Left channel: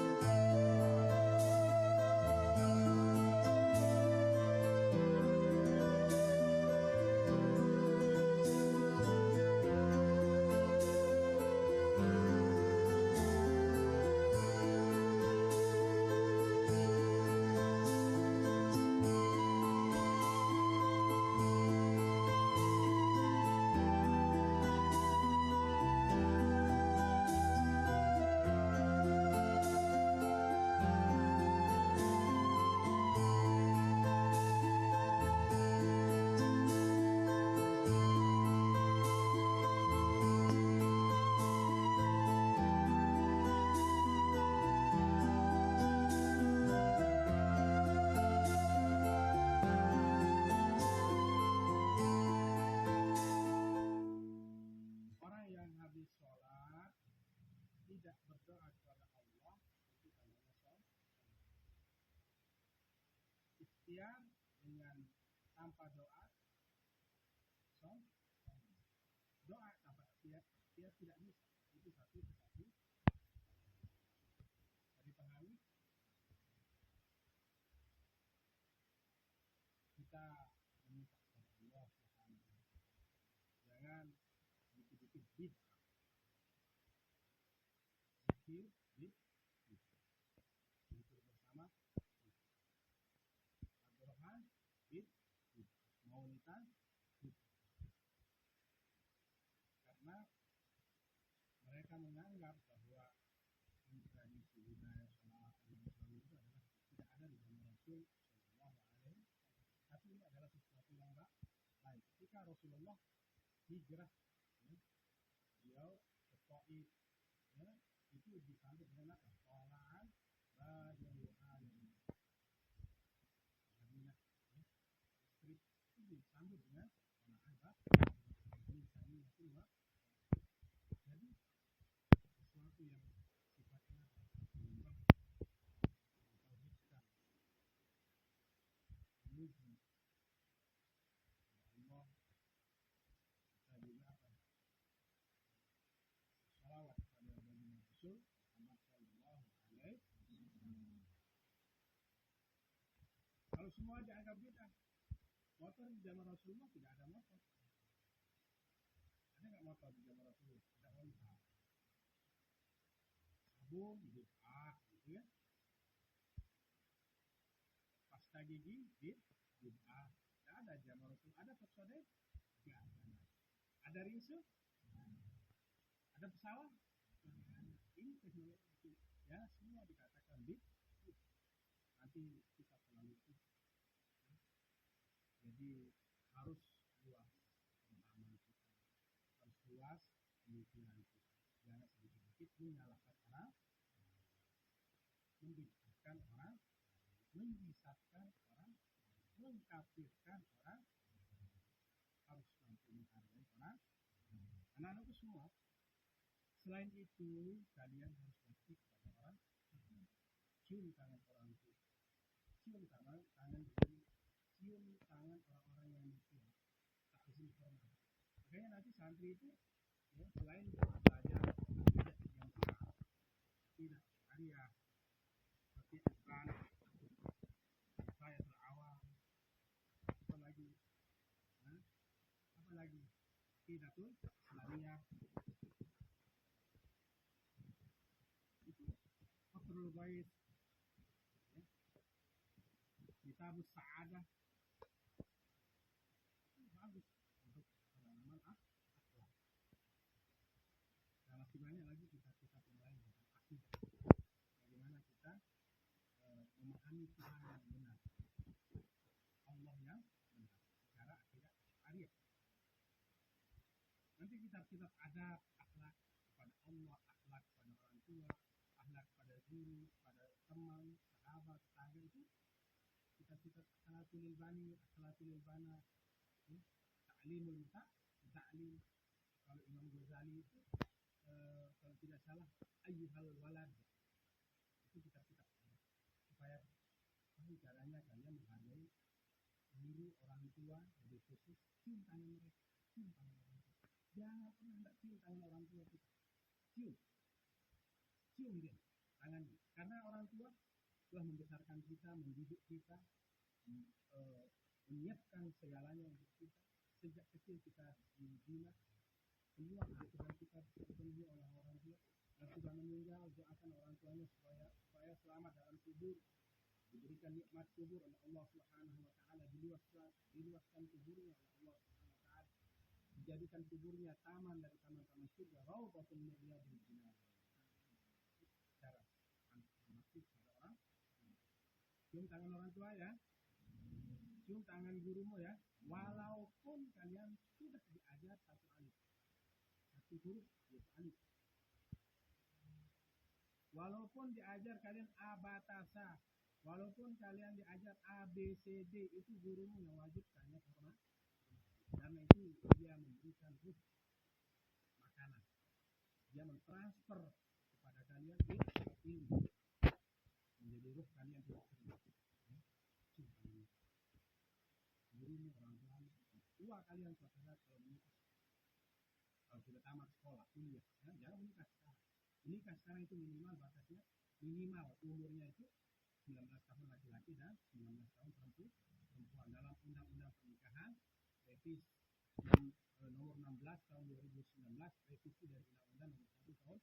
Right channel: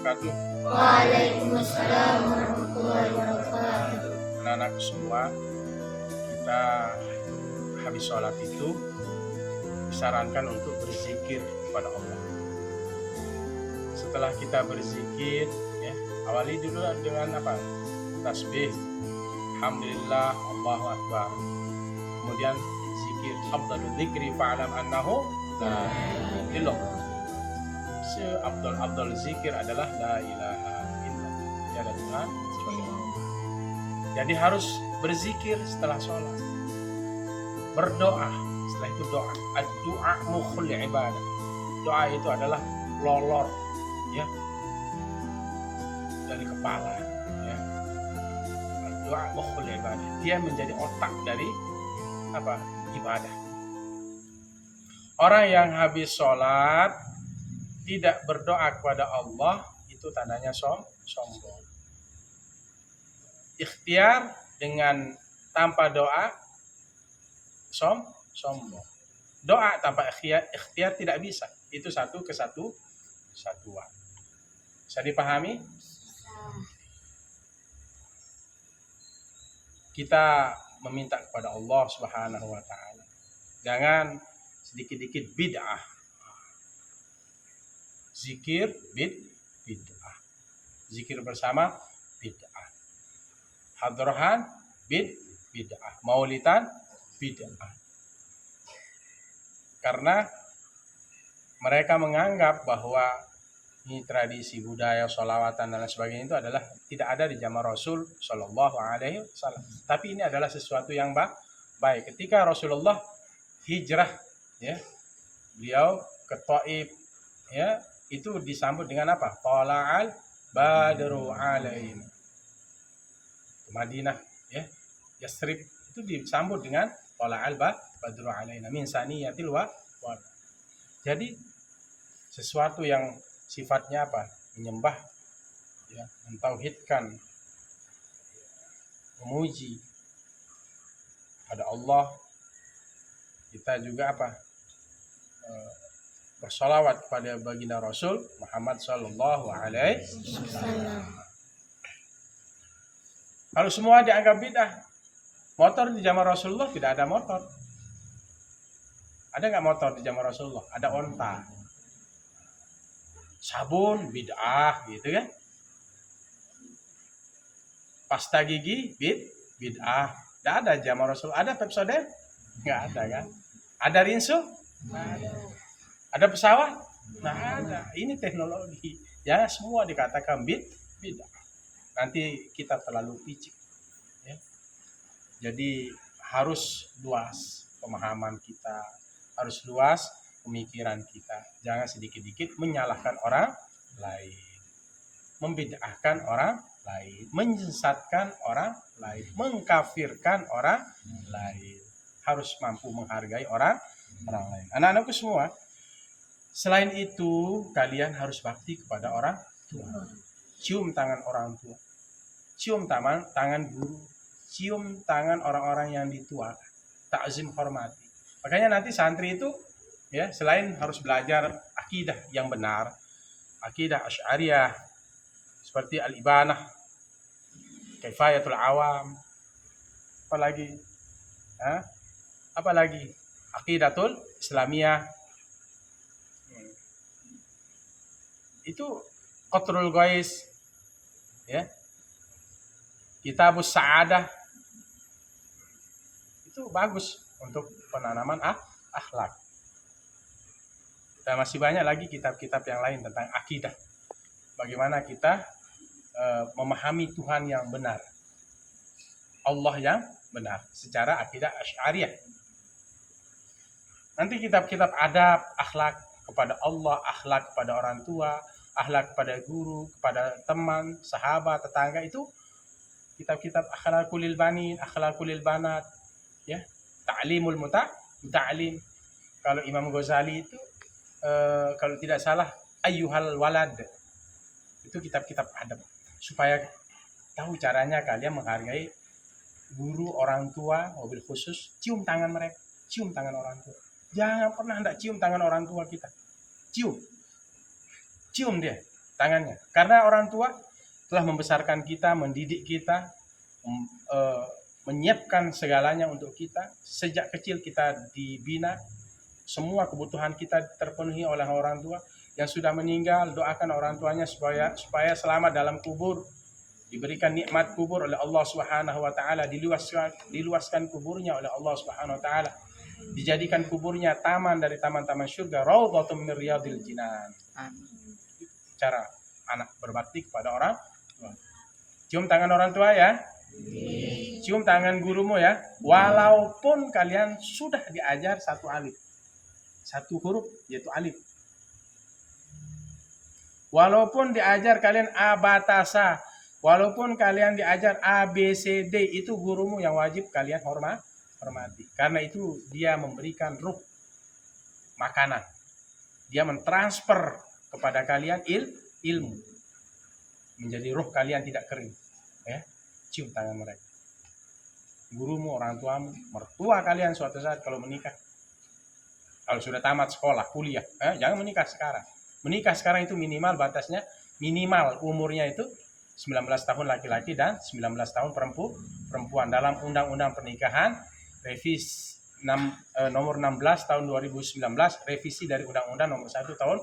wabarakatuh. Waalaikumsalam warahmatullahi wabarakatuh. Anak-anak semua, kita habis sholat itu disarankan untuk berzikir kepada Allah. Setelah kita berzikir, awali dulu dengan apa? Tasbih, alhamdulillah, Allahu akbar. Kemudian zikir, afdalul dzikri fa'lam annahu la ilaha illallah. Seabdal zikir adalah la ilaha illallah. Tiada Tuhan kecuali Allah. Jadi harus berzikir setelah sholat, berdoa. Setelah itu doa. Ad-du'a mukhul ibadah. Doa itu adalah lolor, ya, dari kepala, ya. Ad-du'a mukhul ibadah. Dia menjadi otak dari apa? Ibadah. Orang yang habis sholat tidak berdoa kepada Allah, itu tandanya sombong. Ikhtiar dengan tanpa doa sombong. Doa tanpa ikhtiar tidak bisa. Itu satu kesatuan. Bisa dipahami? Kita meminta kepada Allah Subhanahu wa taala. Jangan sedikit-dikit bid'ah. Zikir bid'ah. Zikir bersama bid'ah. Hadrohan bid'ah. Maulidan bid'ah. Karena mereka menganggap bahwa ini tradisi budaya sholawatan dan lain sebagainya itu adalah tidak ada di zaman Rasul Shallallahu Alaihi Wasallam. Tapi ini adalah sesuatu yang baik. Ketika Rasulullah hijrah, ya, beliau ke Taif, ya, itu disambut dengan apa? Tala'al badru alaina. Madinah, ya, Yasrib itu disambut dengan tala'al badru alaina min saniyatil wa. Jadi sesuatu yang sifatnya apa? Menyembah, ya, mentauhidkan, memuji pada Allah. Kita juga apa? Bersolawat kepada baginda Rasul Muhammad Sallallahu Alaihi Wasallam. Kalau semua dianggap bid'ah, motor di zaman Rasulullah tidak ada motor. Ada nggak motor di zaman Rasulullah? Ada onta. Sabun bid'ah, gitu kan? Pasta gigi bid'ah. Tidak ada zaman Rasulullah. Ada Pepsodent? Nggak ada kan? Ada rinso? Nggak ada. Ada pesawat? Nggak ada. Ini teknologi. Ya, semua dikatakan bid'ah. Nanti kita terlalu picik, ya. Jadi harus luas pemahaman kita, harus luas pemikiran kita. Jangan sedikit-dikit menyalahkan orang lain, membid'ahkan orang lain, menyesatkan orang lain, mengkafirkan orang lain. Harus mampu menghargai orang lain. Anak-anakku semua, selain itu kalian harus bakti kepada orang tua. Cium tangan orang tua, cium tangan guru, cium tangan orang-orang yang ditua, takzim hormati. Makanya nanti santri itu, ya, selain harus belajar akidah yang benar, akidah Asy'ariyah seperti Al-Ibanah, Kifayatul Awam, apalagi Aqidatul Islamiyah, itu Qatrul Ghais, ya, Kitabus Sa'adah, itu bagus untuk penanaman akhlak. Dan masih banyak lagi kitab-kitab yang lain tentang akidah. Bagaimana kita memahami Tuhan yang benar, Allah yang benar secara akidah Asy'ariyah. Nanti kitab-kitab adab, akhlak kepada Allah, akhlak kepada orang tua, akhlak kepada guru, kepada teman, sahabat, tetangga, itu kitab-kitab akhlaqul banin, akhlaqul banat, ya, ta'limul muta'allim. Kalau Imam Ghazali itu kalau tidak salah ayyuhal walad, itu kitab-kitab adab supaya tahu caranya kalian menghargai guru, orang tua, mobil khusus, cium tangan mereka, cium tangan orang tua. Jangan pernah hendak cium tangan orang tua kita. Cium dia. tangannya. Karena orang tua telah membesarkan kita, mendidik kita, menyiapkan segalanya untuk kita. Sejak kecil kita dibina, semua kebutuhan kita terpenuhi oleh orang tua. Yang sudah meninggal, doakan orang tuanya supaya selamat dalam kubur, diberikan nikmat kubur oleh Allah Subhanahu wa taala, diluaskan kuburnya oleh Allah Subhanahu wa taala, dijadikan kuburnya taman dari taman-taman surga, raudhatun min riyadil jinan. Cara anak berbakti kepada orang tua. Cium tangan orang tua ya. Cium tangan gurumu ya. Walaupun kalian sudah diajar satu alif, satu huruf yaitu alif. Walaupun diajar kalian abatasa, walaupun kalian diajar ABCD, itu gurumu yang wajib kalian hormati. Karena itu dia memberikan ruh makanan. Dia mentransfer kepada kalian ilmu. Menjadi ruh kalian tidak kering. Ya, cium tangan mereka. Gurumu, orang tuamu, mertua kalian suatu saat kalau menikah. Kalau sudah tamat sekolah, kuliah, jangan menikah sekarang. Menikah sekarang itu minimal batasnya, minimal umurnya itu 19 tahun laki-laki dan 19 tahun perempuan. Dalam Undang-Undang Pernikahan revisi nomor 16 tahun 2019, revisi dari Undang-Undang nomor 1 tahun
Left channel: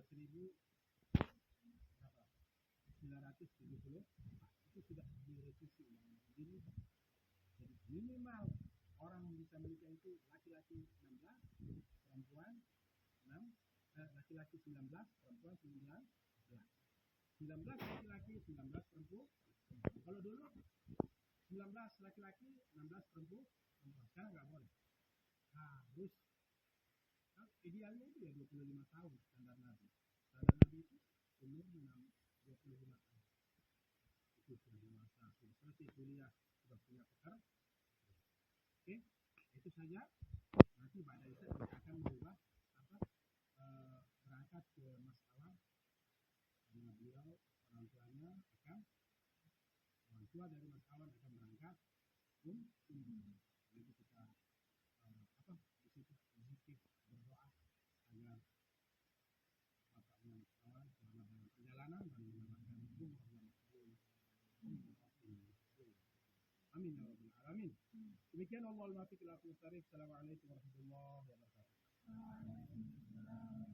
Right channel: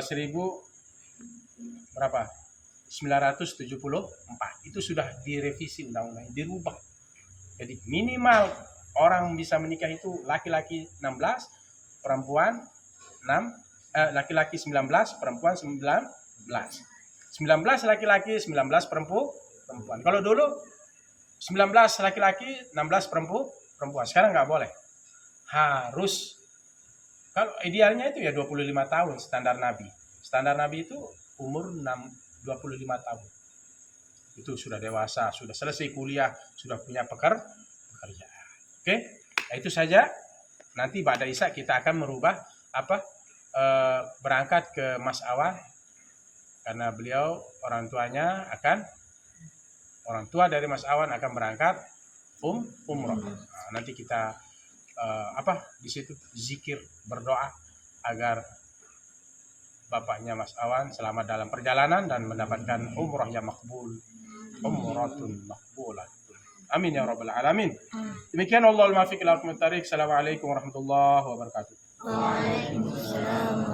1974 itu sudah direvisi undang-undang, dirubah. Jadi minimal orang bisa menikah itu laki-laki 16, perempuan 6, laki-laki 19, perempuan 19. 19 laki-laki, 19 perempuan. Kalau dulu 19 laki-laki, 16 perempuan. Sekarang nggak boleh. Harus, kalau idealnya itu ya 25 tahun standar Nabi. Standar Nabi itu umur 25 tahun. Itu sudah dewasa, sudah selesai kuliah, sudah punya pekerjaan. Oke? Nah, itu saja. Nanti ba'da Isya kita akan merubah berangkat ke Mas Awan, karena beliau orang tua dari Mas Awan akan berangkat umroh. Nah, nanti kita di situ zikir, berdoa agar bapaknya Mas Awan selamat dalam perjalanan dan mendapatkan umroh yang makbul, umratun makbulah. Amin ya rabbal alamin. Demikian, Allahul muwaffiq ila aqwamit thariq. Assalamualaikum warahmatullahi wabarakatuh. Waalaikumsalam.